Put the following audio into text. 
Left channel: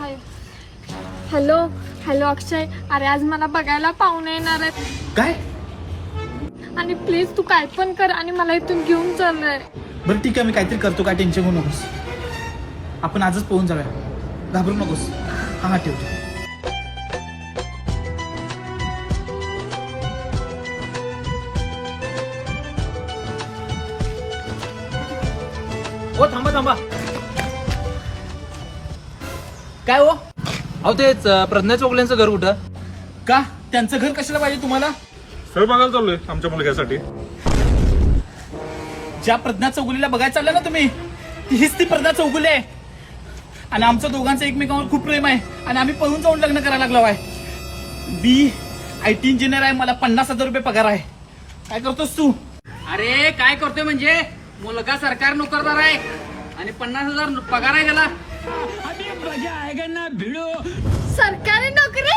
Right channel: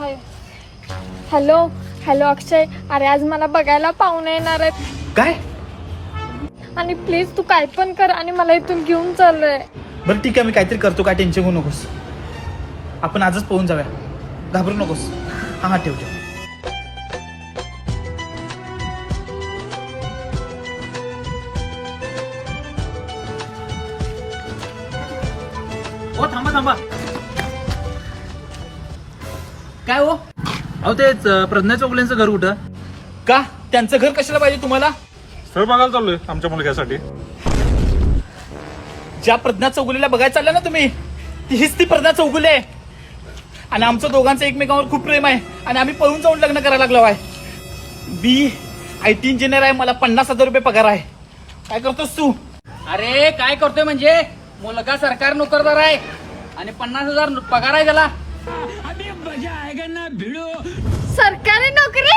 Hello hello अक्षय, अरे आज मला बघायला पाहुणे येणार आहेत काय? आणि प्लीज तू काय पण कर आणि मला इथून घेऊन चाललंय. बरं ठीक आहे, मी काहीतरी करतो, काय टेन्शन घेऊ नकोस. आपण आजच पोहून जाऊया, घाबरू नकोस. हा ठेवतो. हो थांबा थांबा. काय हो? अहो तेच प्रज्ञा चोगलेंचं घर कुठं? का त्यांचं घर कशाला पाहिजे तुम्हाला? स्थळ बघायला चाललोय आमच्या मुलग्यासाठी. ज्या प्रज्ञा चौगुलीला बघायला चालला ना तुम्ही, हीच ती प्रज्ञा चौगुले आहे. आणि आमचं दोघांचं एकमेकांवर खूप प्रेम आहे आणि आम्ही पळून जाऊन लग्न करायला लागलो आहे. बी IT इंजिनियर आहे, मला 50,000 रुपये पगार आहे. काय करतोस तू? अरे काय करतोय म्हणजे, मुलगा सरकार नोकरदार आहे आणि 50,000 पगार आहे त्याला. सरकारी नोकरी?